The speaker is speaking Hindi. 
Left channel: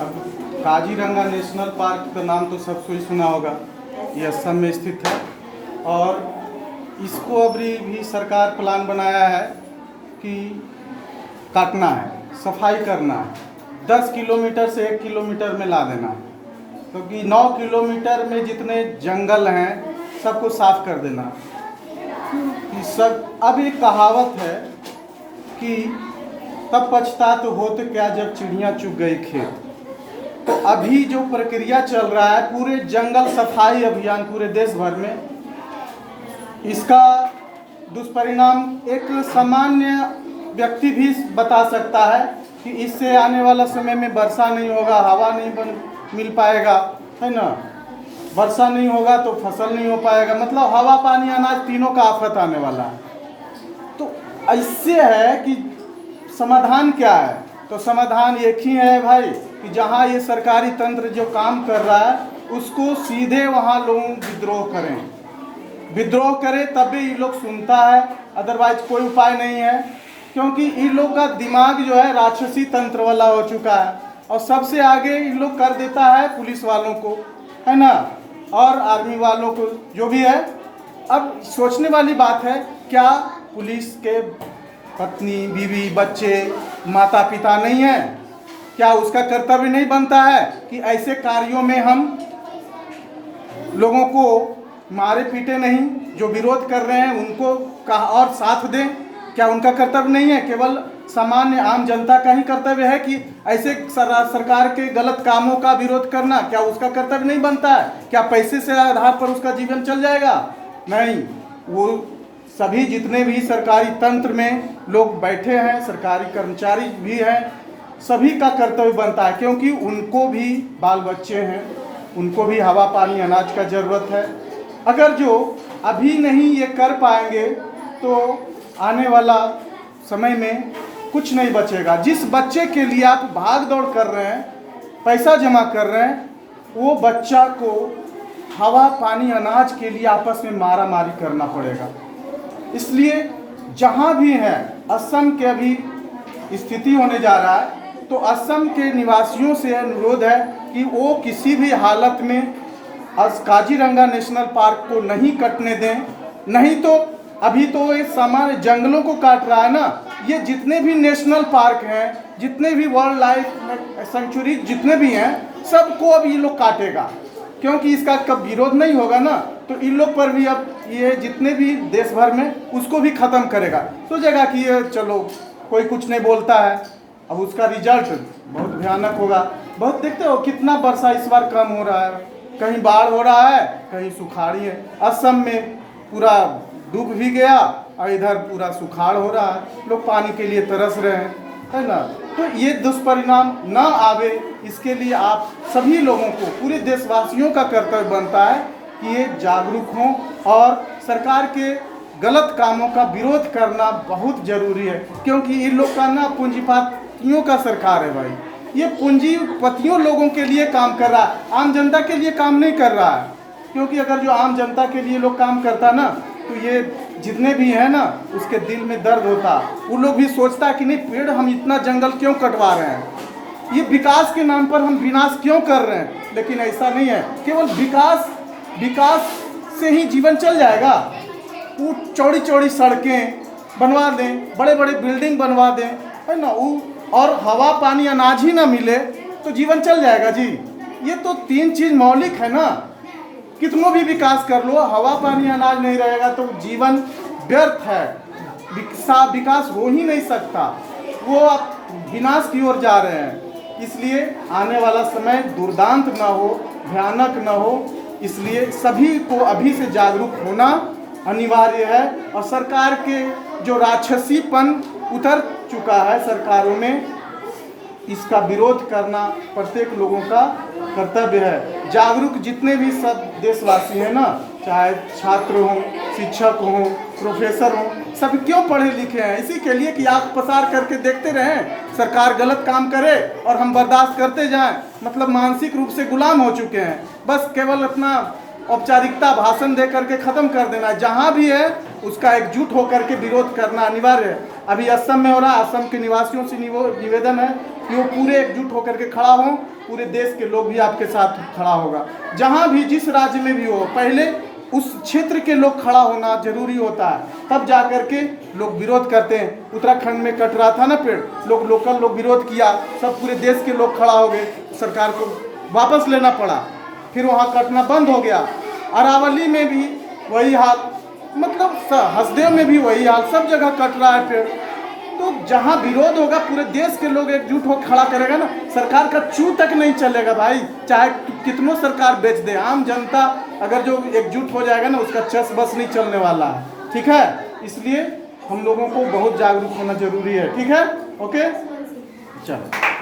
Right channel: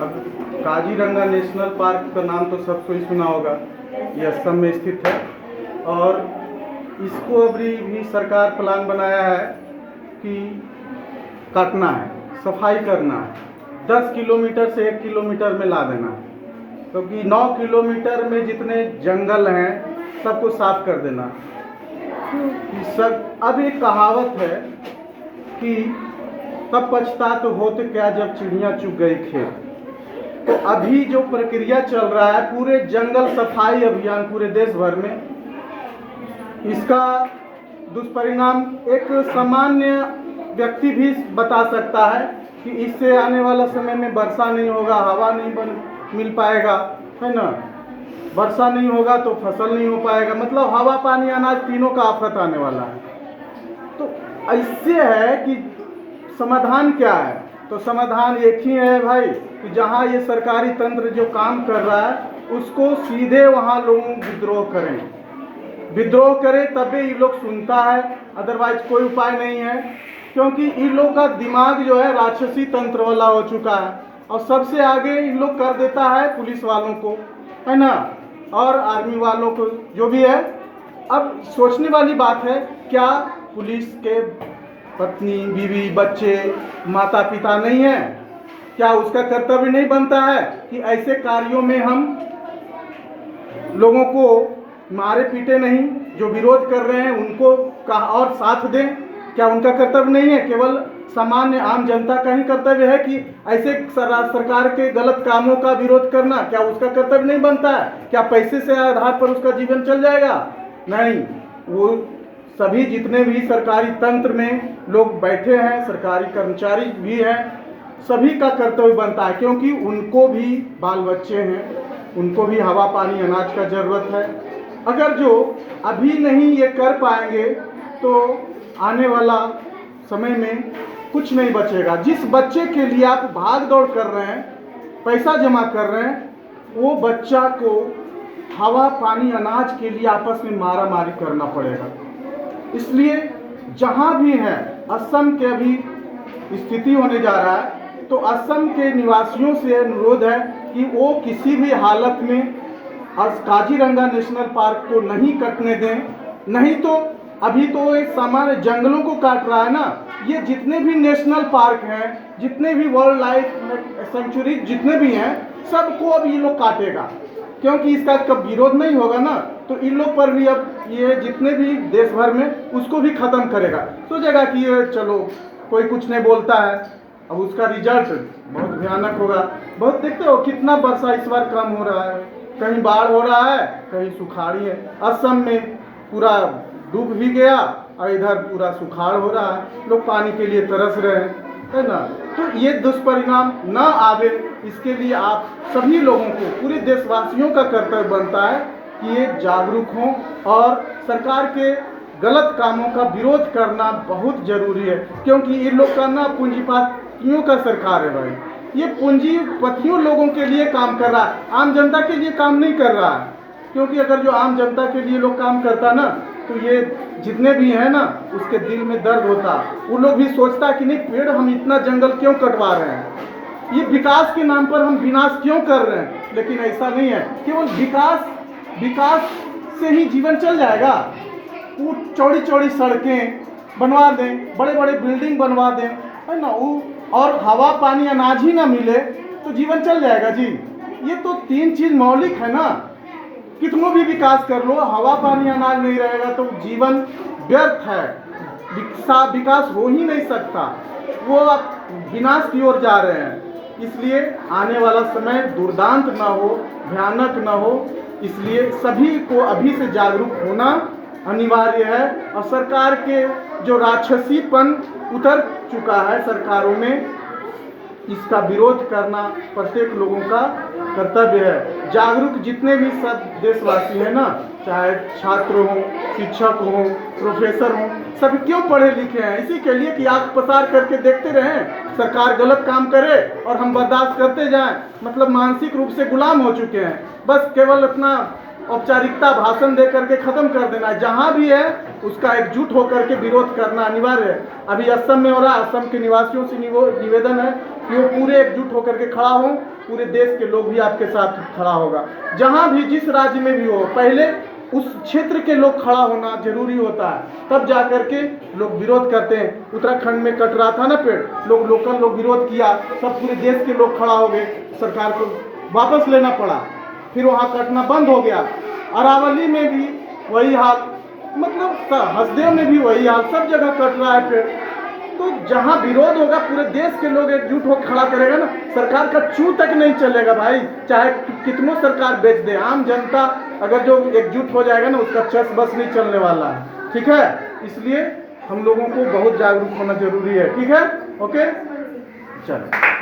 अब काजीरंगा नेशनल पार्क का नाम तो सबको ही सुना होगा। ये असम में स्थित है और इसको अभी भी सरकार प्लान बनाया है कि काटना है, सफाई करना है, 10 किलोमीटर से 1 किलोमीटर में ला देना, क्योंकि 9 किलोमीटर में जितने जंगल हैं सबको साफ कर देना। सब अब एक कहावत है कि तब पछता तो होते क्या जब चिड़िया चुग गई खेत। तो अभी जो प्रक्रिया चल रहा है पूरे जंगल सफाई अभियान पूरे देश भर में, इसका दुष्परिणाम एक सामान्य व्यक्ति भी बता सकता है कि इससे आने वाला समय में वर्षा नहीं होगा, हवा नहीं मिल पाएगा, है ना। वर्षा नहीं होगा तो फसल नहीं हो पाएगा, मतलब हवा पानी अनाज तीनों का आफत आने वाला है। तो ऐसे है कि समाधान क्या है? तो समाधान एक ही है भाई कि जहाँ ये सरकारी तंत्र जो काम कर रहा है उसको सीधे वहाँ लोग विद्रोह करें तभी ये लोग सुनता है, अदरवाइज कोई उपाय नहीं है। क्योंकि इन लोग का दिमाग जो है राक्षसी तंत्र वाला हो चुका है और सबसे आगे इन लोग कर देता है पुलिस वालों को, है ना, और आर्मी वालों को जो भी है। अब सोचने वाली बात है, क्या पुलिस के पत्नी बीवी बच्चे माता पिता नहीं है? क्या उसका कर्तव्य नहीं बनता है कि ऐसे कार्यों में हम लोगों को मारे पीटे नहीं, जो विरोध कर रहे हैं उनको और साथ दें? क्या उनका कर्तव्य नहीं है? केवल सामान्य आम जनता का ही कर्तव्य है कि ऐसे सरकार के गलत कामों का विरोध करना? क्या उसका कर्तव्य नहीं बनता है? क्या पैसे से आधार पर उसका जीवन चल जाएगा? नहीं, वो सभी जितने भी सरकारी तंत्र में लोग बैठे हैं, सरकारी कर्मचारी भी हैं, सभी का कर्तव्य बनता है, क्योंकि उनको भी बाल बच्चे हैं, उनको भी हवा पानी अनाज का ज़रूरत है। अगर जो अभी नहीं ये कर पाएंगे तो आने वाला समय में कुछ नहीं बचेगा। जिस बच्चे के लिए आप भाग दौड़ कर रहे हैं, पैसा जमा कर रहे हैं, वो बच्चा को हवा पानी अनाज के लिए आपस में मारा मारी करना पड़ेगा। इसलिए जहाँ भी हैं, असम के अभी स्थिति होने जा रहा है, तो असम के निवासियों से अनुरोध है कि वो किसी भी हालत में काजीरंगा नेशनल पार्क को नहीं कटने दें। नहीं तो अभी तो एक सामान्य जंगलों को काट रहा है ना, ये जितने भी नेशनल पार्क हैं, जितने भी वाइल्ड लाइफ सेंचुरी जितने भी हैं, सबको अब ये लोग काटेगा। क्योंकि इसका कब विरोध नहीं होगा ना, तो इन लोग पर भी अब ये जितने भी देश भर में उसको भी ख़त्म करेगा। सोचेगा कि ये चलो कोई कुछ नहीं बोलता है, अब उसका रिजल्ट बहुत भयानक होगा। बहुत देखते हो कितना वर्षा इस बार कम हो रहा है, कहीं बाढ़ हो रहा है, कहीं सुखाड़ी है। असम में पूरा डूब भी गया और इधर पूरा सुखाड़ हो रहा है, लोग पानी के लिए तरस रहे हैं, है ना। तो ये दुष्परिणाम ना आवे, इसके लिए आप सभी लोगों को, पूरे देशवासियों का कर्तव्य बनता है कि ये जागरूक हों और सरकार के गलत कामों का विरोध करना बहुत ज़रूरी है। क्योंकि इन लोग का ना पूंजीपतियों का सरकार है भाई, ये पूंजीपतियों लोगों के लिए काम कर रहा है, आम जनता के लिए काम नहीं कर रहा है। क्योंकि अगर जो आम जनता के लिए लोग काम करता ना, तो ये जितने भी हैं ना, उसके दिल में दर्द होता, वो लोग भी सोचता कि नहीं, पेड़ हम इतना जंगल क्यों कटवा रहे हैं, ये विकास के नाम पर हम विनाश क्यों कर रहे हैं। लेकिन ऐसा नहीं है, केवल विकास से ही जीवन चल जाएगा। वो चौड़ी चौड़ी सड़कें बनवा दें, बड़े बड़े बिल्डिंग बनवा दें, है ना, और हवा पानी अनाज ही ना मिले तो जीवन चल जाएगा जी। ये तो 3 चीज़ मौलिक है ना, कितनों भी विकास कर लो, हवा पानी अनाज नहीं रहेगा तो जीवन व्यर्थ है, विकास हो ही नहीं सकता, वो विनाश की ओर जा रहे हैं। इसलिए आने वाला समय दुर्दांत ना हो, भयानक ना हो, इसलिए सभी को अभी से जागरूक होना अनिवार्य है। और सरकार के जो राक्षसीपन उतर चुका है सरकारों में, इसका विरोध करना प्रत्येक लोगों का कर्तव्य है। जागरूक जितने भी सब देशवासी हैं ना, चाहे छात्र हों, शिक्षक हों, प्रोफेसर हों, सभी क्यों पढ़े लिखे हैं? इसी के लिए कि आँख पसार करके देखते रहें, सरकार गलत काम करे और हम बर्दाश्त करते जाएं। मतलब मानसिक रूप से गुलाम हो चुके हैं, बस केवल अपना औपचारिकता भाषण दे करके ख़त्म कर देना है। जहाँ भी है उसका एकजुट होकर के विरोध करना अनिवार्य है। अभी असम में हो रहा, असम के निवासियों से निवेदन है कि वो पूरे एकजुट होकर के खड़ा हों, पूरे देश के लोग भी आपके साथ खड़ा होगा। जहाँ भी जिस राज्य में भी हो, पहले उस क्षेत्र के लोग खड़ा होना जरूरी होता है, तब जा कर के लोग विरोध करते हैं। उत्तराखंड में कट रहा था ना पेड़, लोकल लोग विरोध किया, सब पूरे देश के लोग खड़ा हो गए, सरकार को वापस लेना पड़ा, फिर वहाँ कटना बंद हो गया। अरावली में भी वही हाल, मतलब हसदेव में भी वही हाल, सब जगह कट रहा है पेड़। तो जहाँ विरोध होगा पूरे देश के लोग एकजुट होकर खड़ा करेगा ना, सरकार का चू तक नहीं चलेगा भाई, चाहे कितनों सरकार बेच दे। आम जनता अगर जो एकजुट हो जाएगा ना, उसका चस बस नहीं चलने वाला है, ठीक है। इसलिए हम लोगों को बहुत जागरूक होना जरूरी है, ठीक है, ओके, चलो।